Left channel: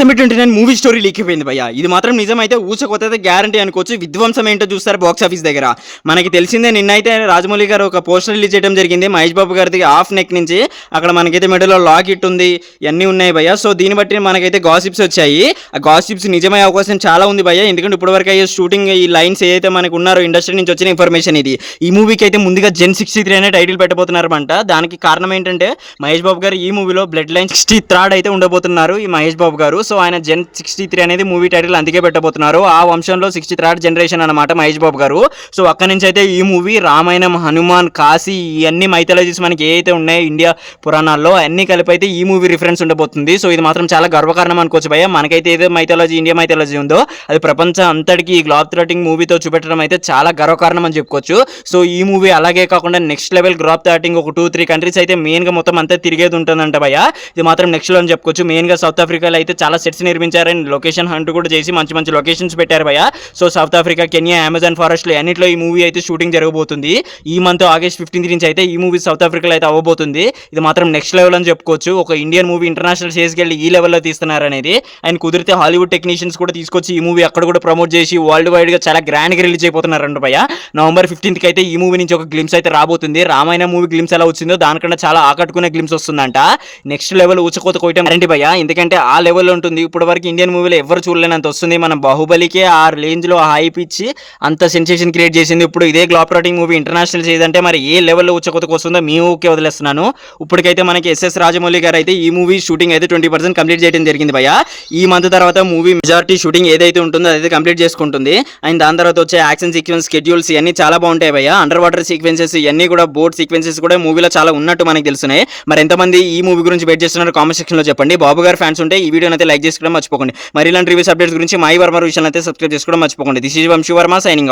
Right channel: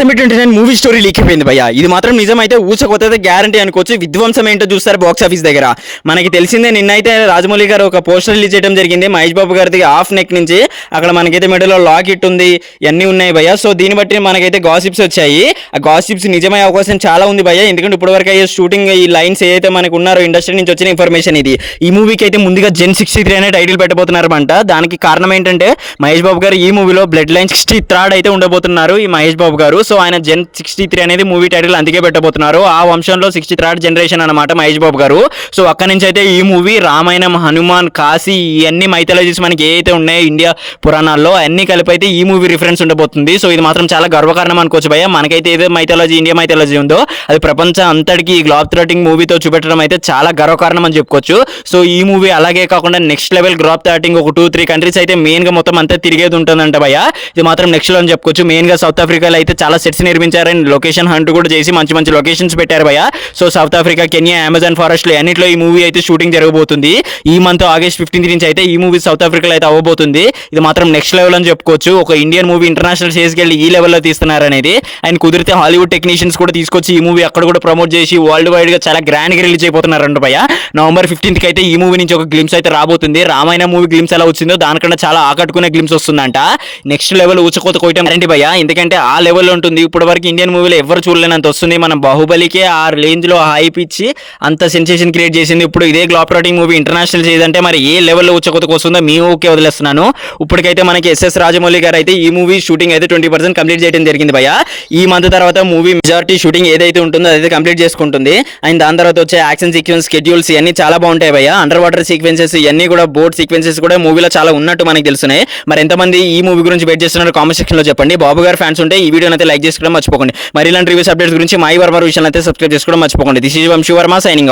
December 29 movie story leak అయిపోయింది భయ్య. ఇది మాత్రం నిజమైతే ఊచకొతే గ్యారంటీ అనుకోవచ్చు. విధ్వంసం ఏంటో చూస్తారు బాక్స్ ఆఫీస్ దగ్గర. మనకి తెలిసిందే నిన్నైతే రాజమౌళి గారు ఒక పోస్టర్ రిలీజ్ చేయడం జరిగింది. మహేష్ బాబు గారిది హాఫ్ నెక్ నుంచి అక్కడ మనకైతే మెడలో లాకెట్ ఉంది, ఇవన్నీ ఉన్నాయి భయ్య. సో దీన్ని బట్టి మనకైతే గాసిప్స్ వచ్చాయి. ఆ గాసిప్స్ నిజమయ్యే అవకాశం చాలా ఉంది భయ్య. ఎందుకంటే ఇప్పటివరకు అయ్యే షూటింగ్ ఈ లైన్స్ ఏదైతే మనకు ఉన్నారో ఇండస్ట్రీ నుంచి వచ్చిన ఇన్ఫర్మేషన్ ఇది. ఈ మూవీకి అయితే ముందుగా జెన్ 63 అనే టైటిల్ పెట్టబోతున్నారంట. దానికి కారణం ఏంటంటే మహేష్ బాబు గారు ఈ మూవీలో బ్లడ్ లైన్ 63rd అయితే ఉండబోతున్నారు ఈ మహేష్ బాబు గారు. సో ఆయన జెన్ 63 అనేది మూవీ టైటిల్ అందుకే పెట్టబోతున్నారు. ఆ వంశంలో 63rd జనరేషన్ అనమాట మహేష్ బాబు గారు. సో అక్కడి నుంచి అయితే ఈ మూవీ రామాయణం, హనుమాన్, కాశీ ఇవన్నీ మైథాలజీస్ మనకి ఏవైతే ఉన్నాయో ఇండియా పురాణాల్లో అన్ని కలిపి అయితే ఈ మూవీ రిఫరెన్స్ ఉండబోతుంది. సో ఇది మాత్రం చాలా గర్వకారణం అనుకోవచ్చు భయ్య. మనకైతే ఏదో మైథాలజీ ఇండియా మైథాలజీ ఉందో అది ప్రపంచం అంతటికి ఈ గ్లాబ్ థ్రాటింగ్ మూవీతో చూపెట్టడం అయితే చాలా గర్వకారణం అని చెప్పుకోవచ్చు. సో ఈ మూవీ అలాగే కాకుండా నెక్స్ట్ లెవెల్ గ్లాబ్ థ్రాటింగ్ ఒక 2-3 కంట్రీస్ అయితే మెయిన్ గా మొత్తం అంతా తిరిగేది ఉంటుందంట భయ్య. ఇది మాత్రం నెక్స్ట్ లో అని చెప్పుకోవచ్చు. మెయిన్ గా సౌత్ ఆఫ్రికాలో అయితే చాలా సెట్స్ నిర్మించారని లొకేషన్ హంట్ కూడా చేసి మంచి మంచి లొకేషన్స్ పెట్టారు భయ్య. So south Africa, Kenya, Amazon forest లో అన్నింటిలో ఈ మూవీ అయితే షూటింగ్ జరగబోతుంది. ఈ మంత్ ఆగస్ట్ 15 నుంచి అయితే ఈ మూవీ సౌత్ ఆఫ్రికాలో అయితే అవ్వబోతుంది. ఇది మాత్రం నెక్స్ట్ లెవెల్ అని చెప్పుకోవచ్చు. ఒక ఇండియన్ మూవీ ఇంటర్నేషనల్ స్టేజ్కి వెళ్ళి ఈ లెవెల్లో తీస్తున్నారు అనేది. అండ్ కుదిరితే హాలీవుడ్ టెక్నీషియన్స్ కూడా తీసుకొచ్చి ఈ మూవీ అక్కడ కూడా ప్రమోట్ చేసి వరల్డ్ వైడ్ గా చాలా గ్రాండ్ గా రిలీజ్ అయిపోతున్నారంట భయ్య. నవంబర్ 15th అయితే ఈ మూవీ నుంచి ఒక గ్లిమ్స్ అయితే రాబోతుంది. రామాయణ మూవీ గ్లిమ్స్ ఎలా వచ్చిందో దానికన్నా చాలా ఆకట్టుకునే గ్లిమ్స్ వస్తుందంట. నెక్స్ట్ లెవెల్ ఊచకోత కోయటం గ్యారంటీ భయ్య. ఎందుకంటే ఆ లెవెల్లో ఉంటుంది. ఇప్పటి వరకు ఇండియన్ మూవీలో ఎవరు చూడలేనంత వస్తుంది. మనం బాహుబలికే ఆ రేంజ్ లో హైప్ ఇచ్చి అంత సెన్సేషన్ క్రియేట్ చేసింది. ఇప్పుడు ఇదే గ్లాబ్ థ్రాటింగ్ మూవీ ఇంటర్నేషనల్ చేదంటే మరి ఏ లెవెల్లో ఊచకోతకు వస్తుందో మీ ఊకే వదిలేస్తున్నాను. ఇప్పటికైతే మనకి ఎస్ఎస్ రాజమౌళి గారు అయితే ఈ మూవీ షూటింగ్ అయితే 20% కంప్లీట్ చేయడం జరిగింది భయ్య. ఈ మంత్ తర్వాత మూవీ మెజారిటీ షూటింగ్ ఏదైతే ఉంటుందో అదైతే కంప్లీట్ చేసుకుంటుంది. అండ్ దాని తర్వాత వచ్చే యాక్షన్ సీక్వెన్స్, స్కెడ్యూల్స్ ఇవన్నీ చాలా బాగుంటాయి భయ్య. అండర్ వాటర్ సీక్వెన్సెస్ ఇవన్నీ కూడా, బోట్ సీక్వెన్సెస్ కూడా మూవీలో చాలా ఉన్నట్టు మనకి తెలుస్తున్నాయి. మరి ఎంతమంది ఈ మూవీ గురించి వెయిట్ చేస్తున్నారు కామెంట్ సెక్షన్ లో చెప్పండి. బాబు గారు ఫ్యాన్స్ ఉంటే ఈ వీడియోని అయితే లైక్ చేసుకోవడం మర్చిపోకండి. మరి ఇలాంటి రివ్యూస్ అప్డేట్స్ గురించి మై వర్మ విషయాన్ని అయితే సబ్స్క్రైబ్ చేసుకోవడం మర్చిపోకండి. This is Vamshi Varma signing of.